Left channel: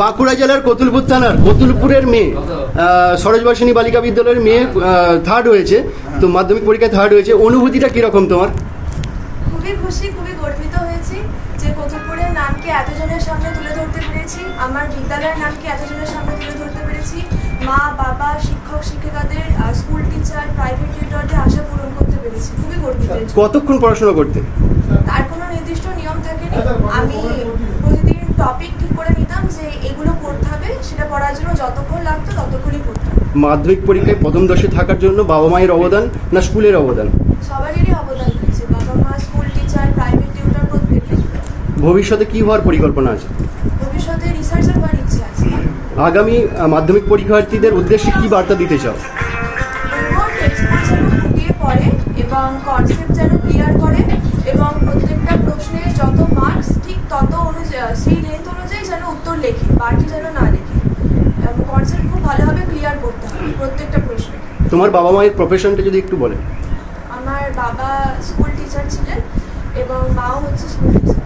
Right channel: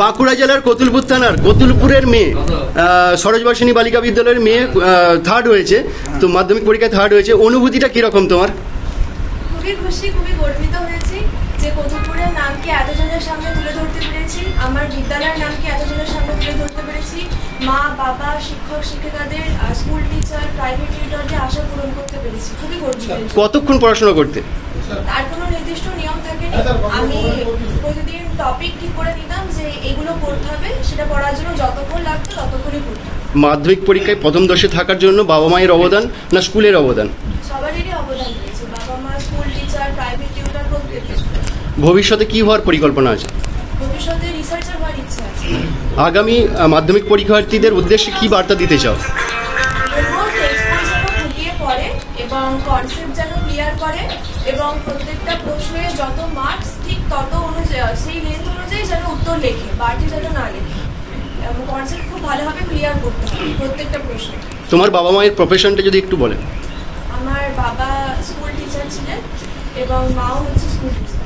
বাঁকুড়া জেলার কতুলপুর থানার কতুলপুরের মেয়ে সরোজবাসিনী বালিকা বিদ্যালয়ের মেয়ে থার্ড হয়েছে, তো মাধ্যমিক পরীক্ষায় থার্ড হয়েছে, অনুভূতিটা কীরকম তোমার? খুবই খুশি, খুবই গর্বিত হয়েছি যে কতুলপুরের নামকে এতজনের সামনে তুলে ধরতে পেরেছি, আমার বিদ্যালয়ের নামকে এতজনের সামনে তুলে ধরতে পেরেছি, মা বাবা শিক্ষক শিক্ষিকাদের স্কুল টিচার প্রাইভেট টিউটরদের আশা পূরণ করতে পেরেছি। খুবই গর্বিত। কতক্ষণ পড়াশোনা করতে? তার কোনো নির্দিষ্ট নিয়ম থাকেনি, আমি প্রতিদিন টপিক ঠিক করে নিতাম যে এগুলো পড়তে হবে, সেটা পড়ার জন্য যতক্ষণ লাগতো ততক্ষণই পড়তাম। মাধ্যমিক পরীক্ষায় প্রথম দশে থাকার জন্য বাবা মায়ের অবদান না স্কুলের অবদান? সবারই অবদান রয়েছে, বাবা মা, স্কুল টিচার, প্রাইভেট টিউটর, প্রত্যেকে। ভবিষ্যতে কি হওয়ার পরিকল্পনা আছে? ভবিষ্যতে রিসার্চার হওয়ার ইচ্ছা আছে। আগামী মাধ্যমিক পরীক্ষার্থীদের উদ্দেশ্যে কি বার্তা দিতে চাও? টেক্সট যেন ফুটিয়ে পড়ে এবং কনসেপ্ট যেন ক্লিয়ার করে এবং প্রত্যেকটা প্রশ্নে যত মার্কস ঠিক তত অনুযায়ী সেই লেন্থ অনুযায়ী যেন উত্তর লেখে, বাড়তি যেন না লেখে। কনসেপ্ট খুব ভালোভাবে ক্লিয়ার করতে হবে প্রত্যেকটা প্রশ্নে। তোমার বাবা মায়ের প্রফেশনটা যদি একটু বলেন। আমার বাবা স্কুল টিচার ছিলেন এবং মাও হচ্ছে স্কুল টিচার।